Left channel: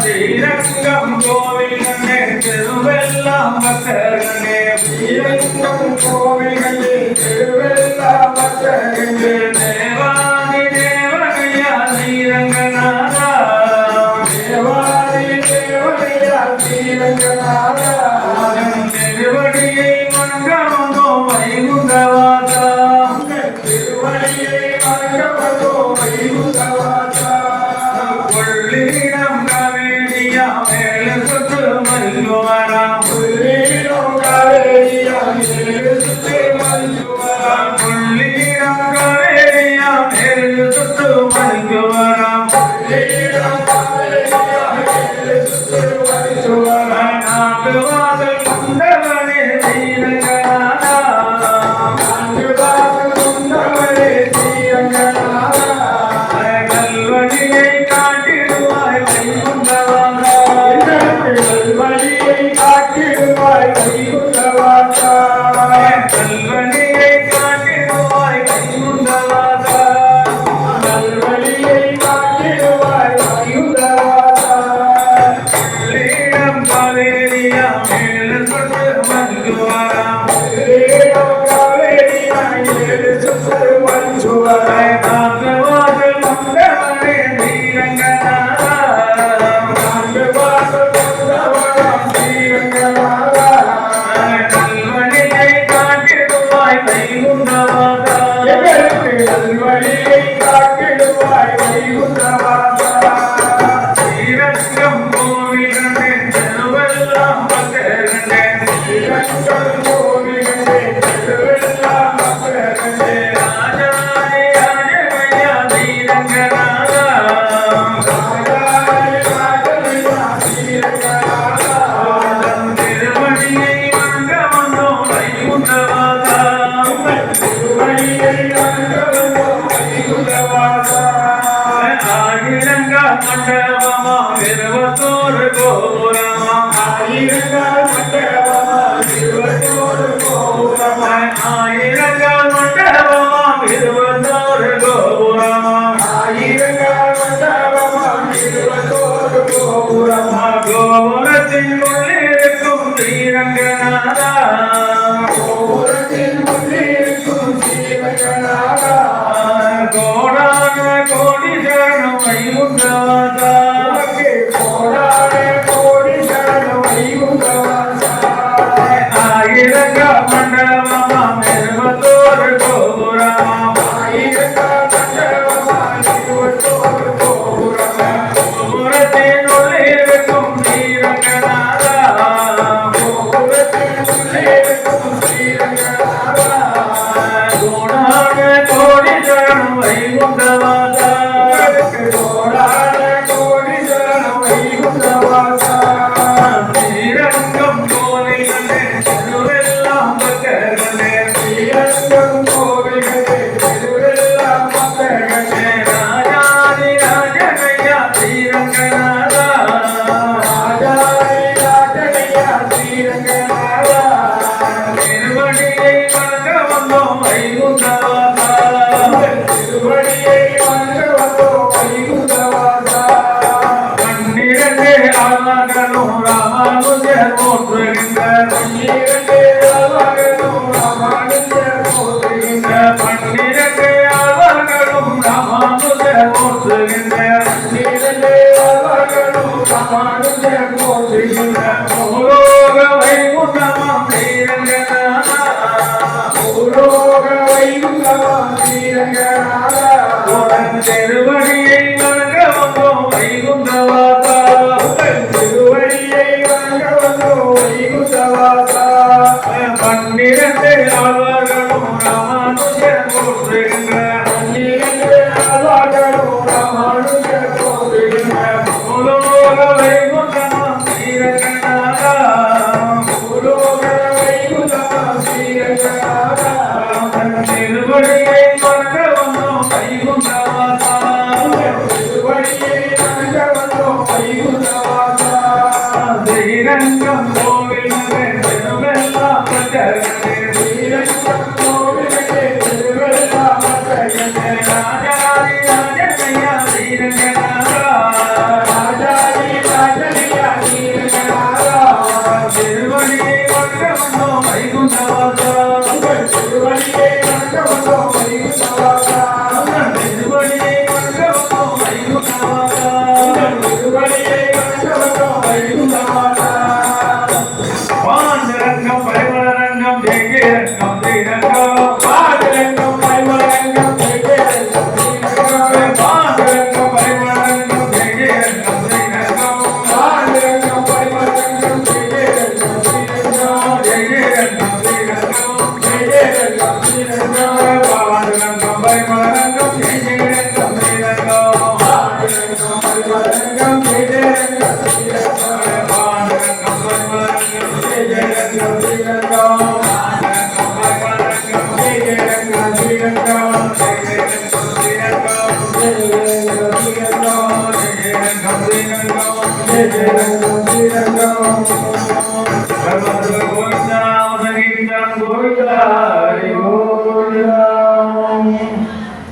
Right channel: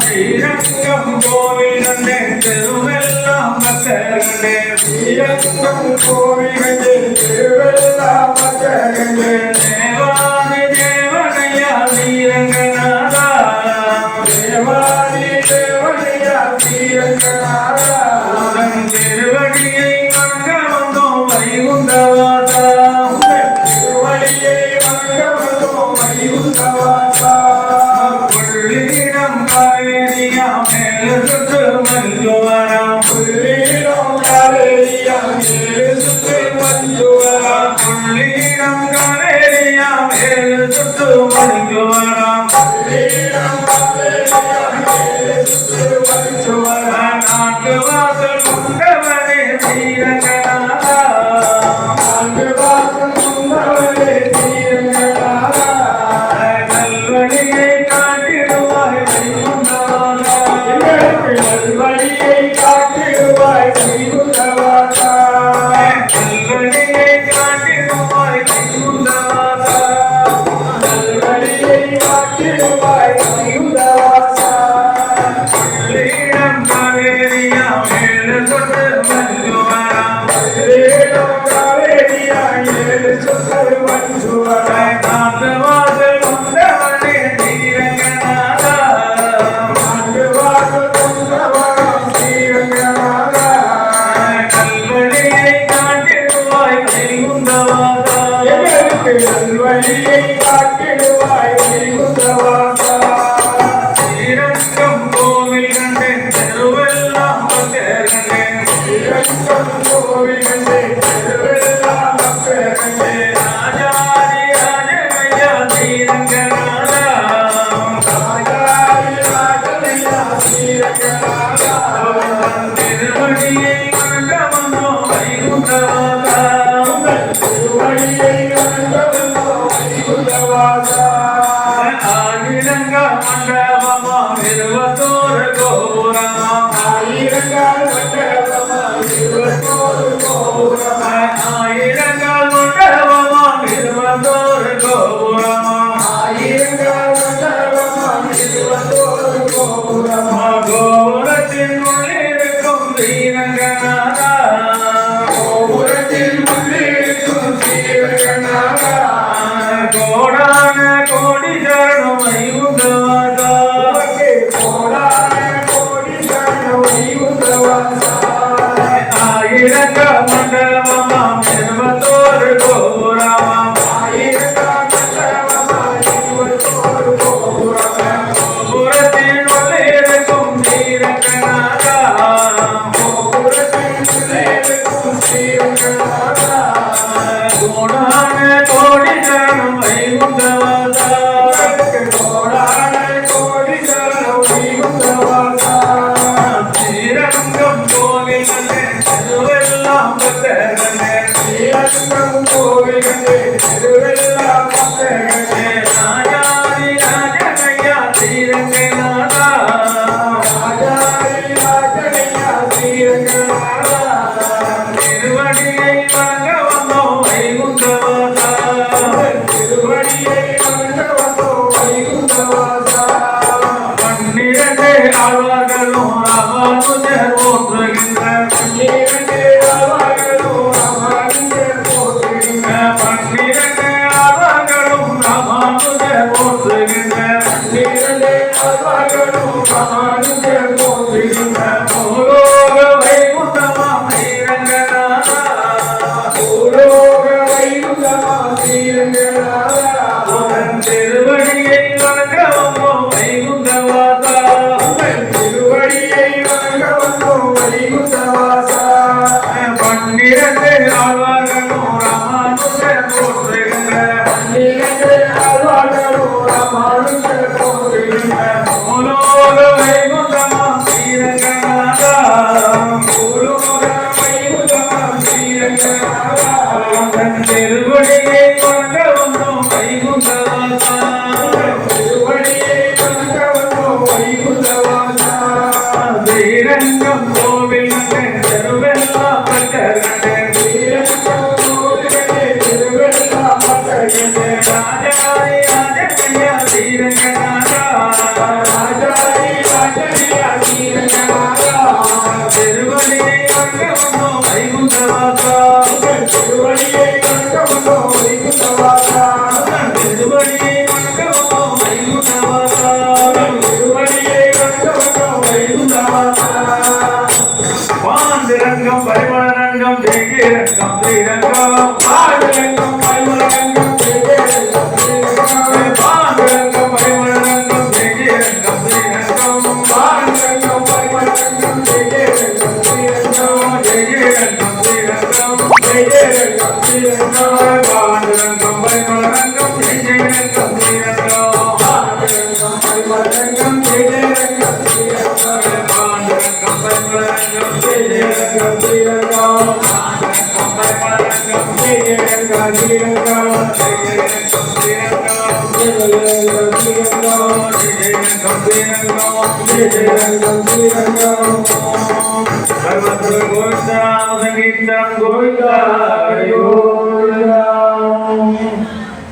ஸ்ரீரங்கம் கோவில் கண்டே திருவெல்லாம் பக்தர்களே ஸ்ரீரங்கம் கோவில் கண்டே திருவெல்லாம் பக்தர்களே தேவாதி தேவனையா ஸ்ரீரங்கநாதா தேவாதி தேவனையா ஸ்ரீரங்கநாதா திருவடியை மங்கமோ வைகுண்டவாசா திருவடியை மங்கமோ வைகுண்டவாசா புள்ளிடம் காவேரியா மேல சுற்று மல்லுவரா புள்ளிடம் காவேரியா மேல சுற்று மல்லுவரா புள்ளிடம் காவேரியா மேல சுற்று மல்லுவரா புள்ளிடம் காவேரியா மேல சுற்று மல்லுவரா நான்கு வாசல் கொண்டவனே ஸ்ரீரங்கநாதா நான்கு வாசல் கொண்டவனே ஸ்ரீரங்கநாதா நல்வழியை காட்டிடுவாய் வைகுண்டவாசா நல்வழியை காட்டிடுவாய் வைகுண்டவாசா நல்வழியை காட்டிடுவாய் வைகுண்டவாசா நல்வழியை காட்டிடுவாய் வைகுண்டவாசா புள்ளிடம் காவேரியா மேல சுற்று மல்லுவரா புள்ளிடம் காவேரியா மேல சுற்று மல்லுவரா நான்கு வாசல் கொண்டவனே ஸ்ரீரங்கநாதா நான்கு வாசல் கொண்டவனே ஸ்ரீரங்கநாதா நல்வழியை காட்டிடுவாய் வைகுண்டவாசா எங்களுக்கு நல்வழியை காட்டிடுவாய் வைகுண்டவாசா ஸ்ரீரங்கம் கோவில் கண்டே திருவெல்லாம் பக்தர்களே ஸ்ரீரங்கம் கோவில் கண்டே திருவெல்லாம் பக்தர்களே ராஜாதி ராஜனையா ஸ்ரீரங்கநாதா ராஜாதி ராஜனையா ஸ்ரீரங்கநாதா திருவடியை மங்கமோ வைகுண்டவாசா திருவடியை மங்கமோ வைகுண்டவாசா ஆயிரங்க மண்டபமா இருபத்தோரு கோபுரமா ஆயிரங்க மண்டபமா இருபத்தோரு கோபுரமா ஆயிரங்க மண்டபமா இருபத்தோரு கோபுரமா ஆயிரங்க மண்டபமா இருபத்தோரு கோபுரமா கோபுரத்தின் உள்ளிருக்கும் ஸ்ரீரங்கநாதா கோபுரத்தின் உள்ளிருக்கும் ஸ்ரீரங்கநாதா கோடான கோடி சரணம் வைகுண்டவாசா பாண்டரங்கம் பரிமளரங்கம் ஜெயரங்கம் Srirangam பாண்டரங்கம் பரிமளரங்கம் ஜெயரங்கம் Srirangam பாண்டரங்கம் பரிமளரங்கம் ஜெயரங்கம் Srirangam பாண்டரங்கம் பரிமளரங்கம் ஜெயரங்கம் Srirangam ஜெயரங்கம் Srirangam ஜெயரங்கம் Srirangam பாண்டரங்கம் பரிமளரங்கம் ஜெயரங்கம் Srirangam பாண்டரங்கம் பரிமளரங்கம் ஜெயரங்கம் Srirangam Govinda, Govinda, Govinda.